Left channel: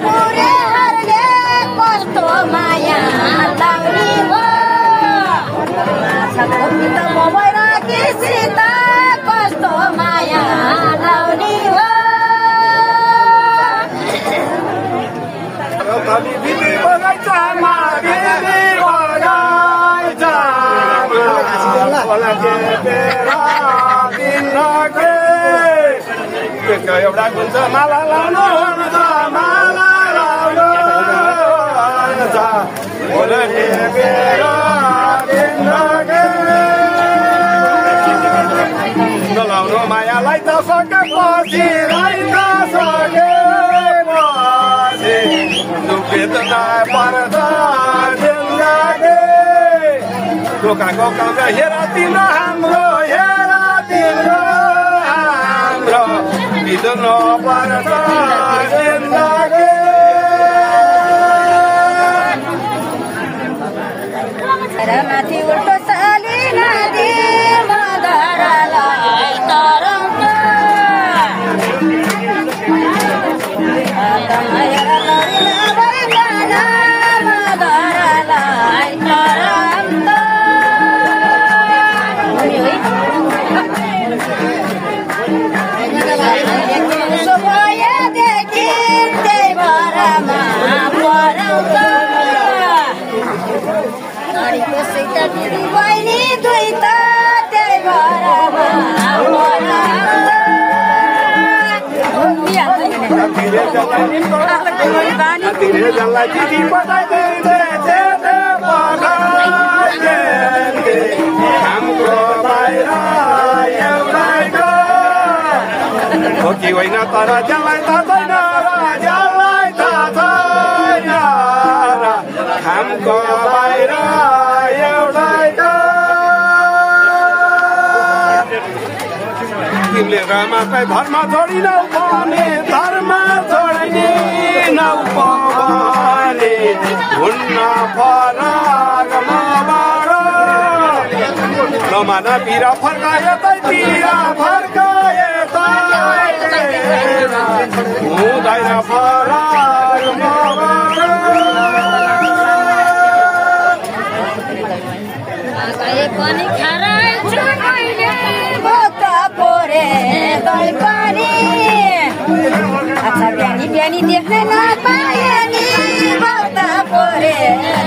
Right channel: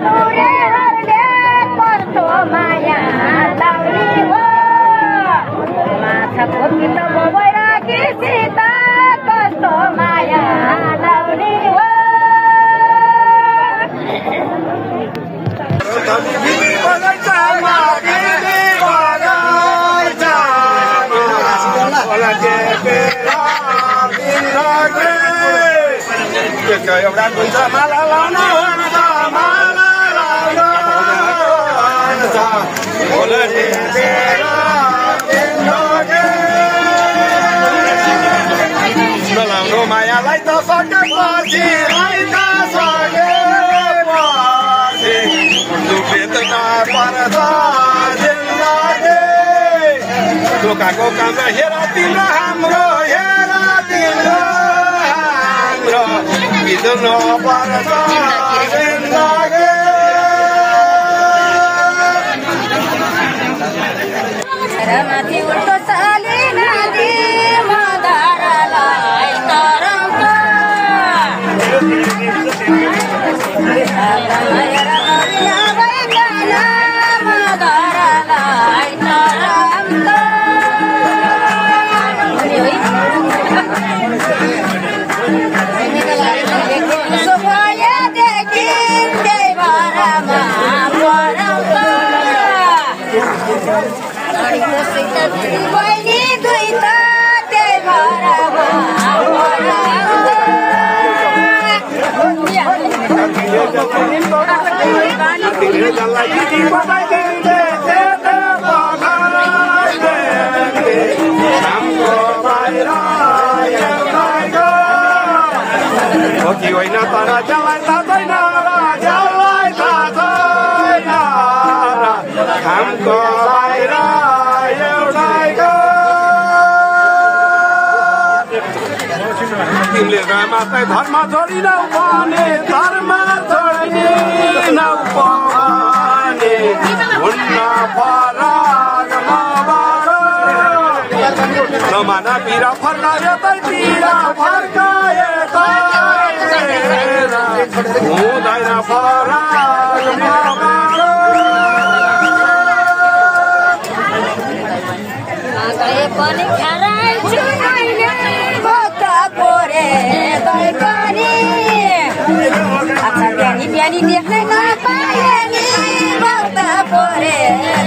पुरेहरूले कस्तो माया लाउने हो माछा खोपित भएर किसित कस्तो माया लाउने हो एउटा हुन्छ माला लाउनु माला लाउनु नलाउनु मायालाई त सकेपछि दुखेत नपर्छ जिन्दगी दोकानको काम हेर तिम्रो हाम्रो हेर तिम्रो हाम्रो बिर्नु पर्छ जिन्दगी माथि उल्टो चली नदी मदारालाई तरङ्ग मदारालाई तरङ्ग सोभयदेखि त्यही भरमा परङ्ग अडिको सित दिदी बहिनी दुई त त्यही भरमा जसलाई दिदी पठाइदिँदै हाम्रो बाहिर एउटै होइन तर जसलाई थाहा छैन र जसलाई थाहा छैन हाम्रो बाहिर एउटैको तिमीले मात्रै धर्म छोडिनौ भने धर्म छोडिनौ भने हुन्न फरक मबाट नमान पिर फर्काएतैतिर फर्काएतैतिर हुँदैन फरक मबाट गए पनि खाराइछु मैले भोक पोरे दही पनि अच्छा बिहानी बिहानी देख्नै नपाए नि भोक पोरे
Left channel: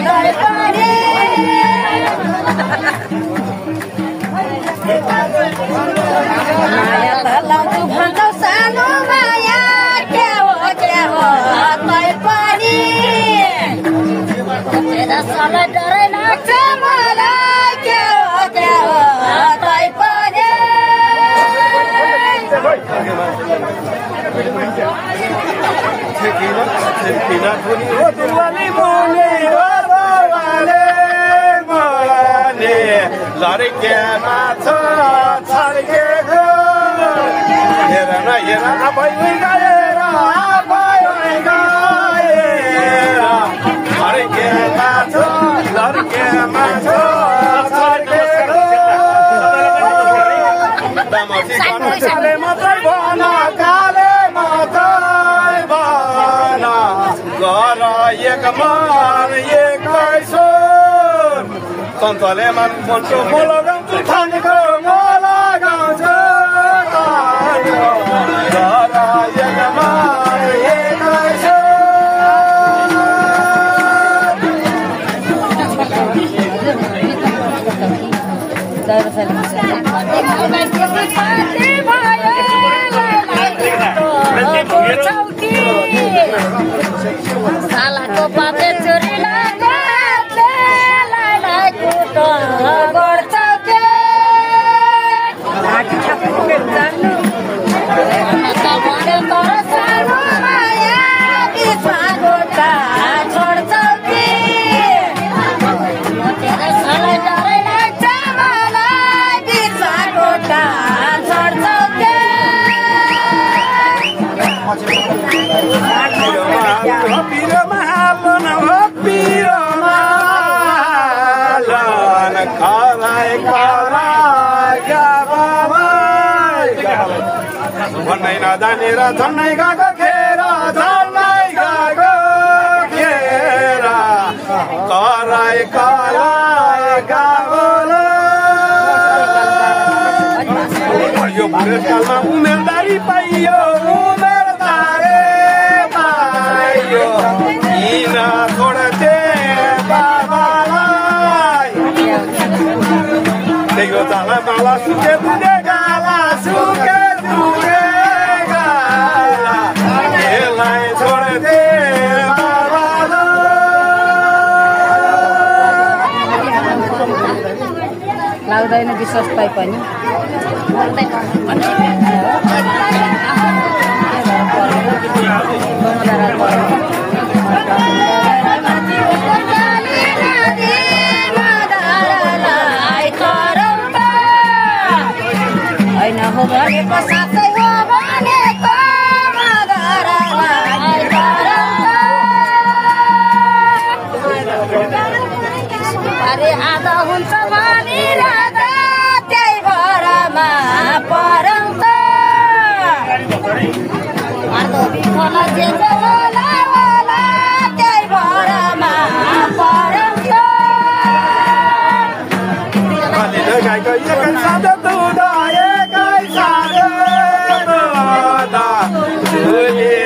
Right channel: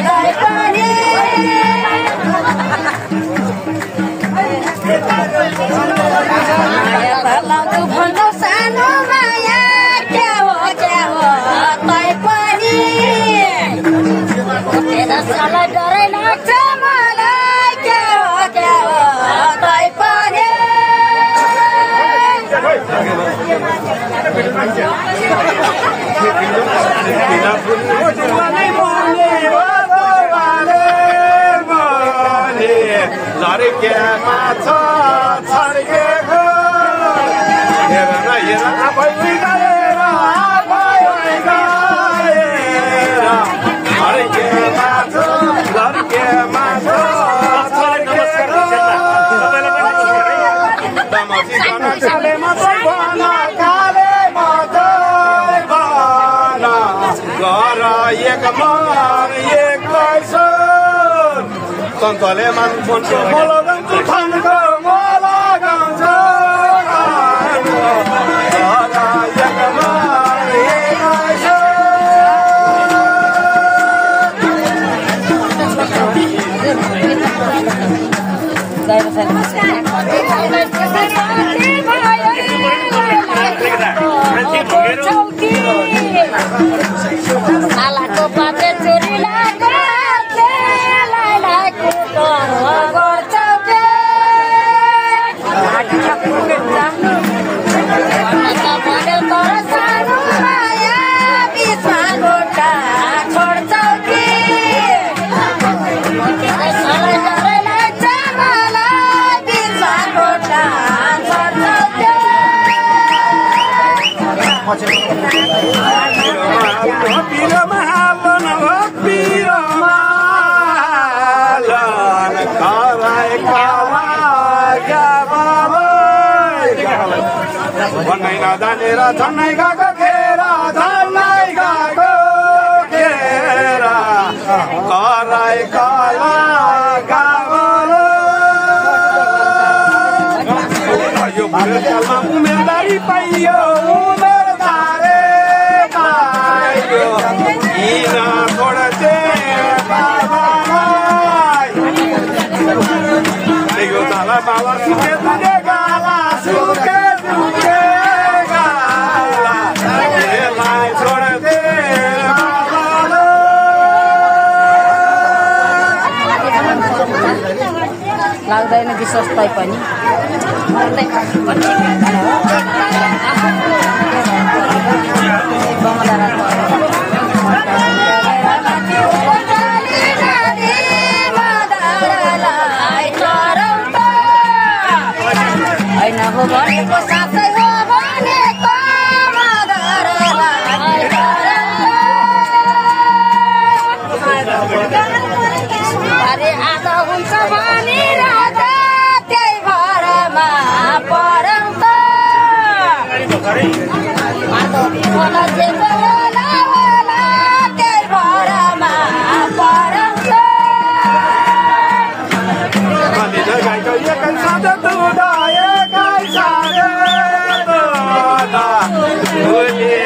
दही पनि माया भलाउँछु भनौ सानो माया के हो तै पनि सलाई डरै लाग्छ मलाई के हो तै पनि लड्केमा छ छड्केको हेर न हेर आफै गएर आफै गएर लड्केमा छ लड्केमा छ छड्केको दमसी गर्न काले मात्रै भन काले मात्रै भन गर एक मन एक्लै सन्तले मन फोनको मोलो गाउँछु थानको मोला गाउँछु घर एकमा सालाको पाते चोरी लागे भन्नै नजानेर झन्नै गएको खेर झन्नै गएको मेरा बाला सुके तुझे गाला सुके तुझे गाला लाई छोड़ दे बाबा लाग्दैन विश्वास पाइ पनि हो भनेको साँच्चै हो भनेको अरे आज हुन्छ भने राजा त्यही भरमा परौँ त जे होला होला त्यही भरमा परौँ त गाईको एकै साथ दुधाए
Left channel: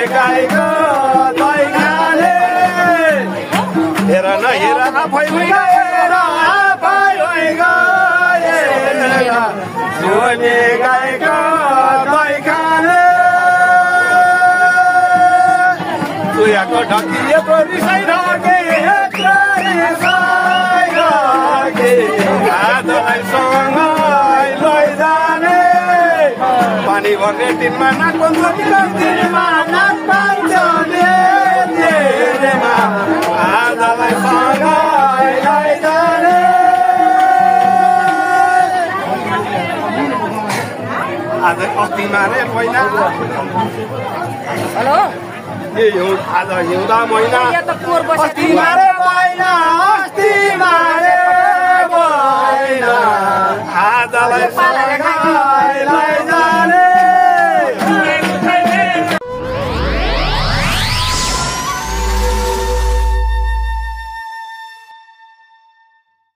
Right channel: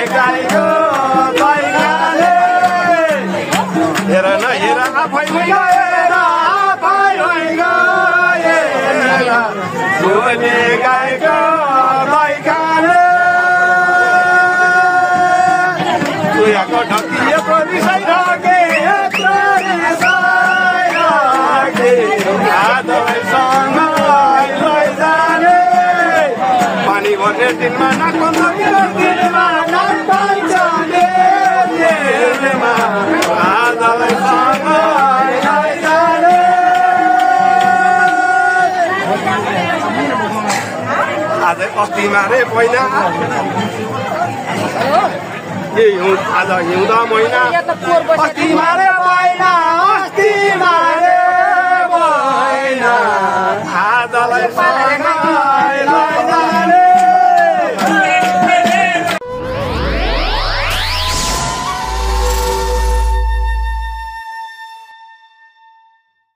गाईको दही खाने हेर न आफै गएर आफै गएर झोले गाईको दही खाने चुयाको ढकिएको रिसाइ ढके यत्रो रिसाइ ढके आजलाई सँगै लैजाने पानी भर्ने दिनमा नाकबन्द दिनमा नाक पाइन्छ मेमा आजलाई सँगै लैजाने आज अस्तिमा रे पहिला आज हिउँदा महिना अस्तिमा रे महिना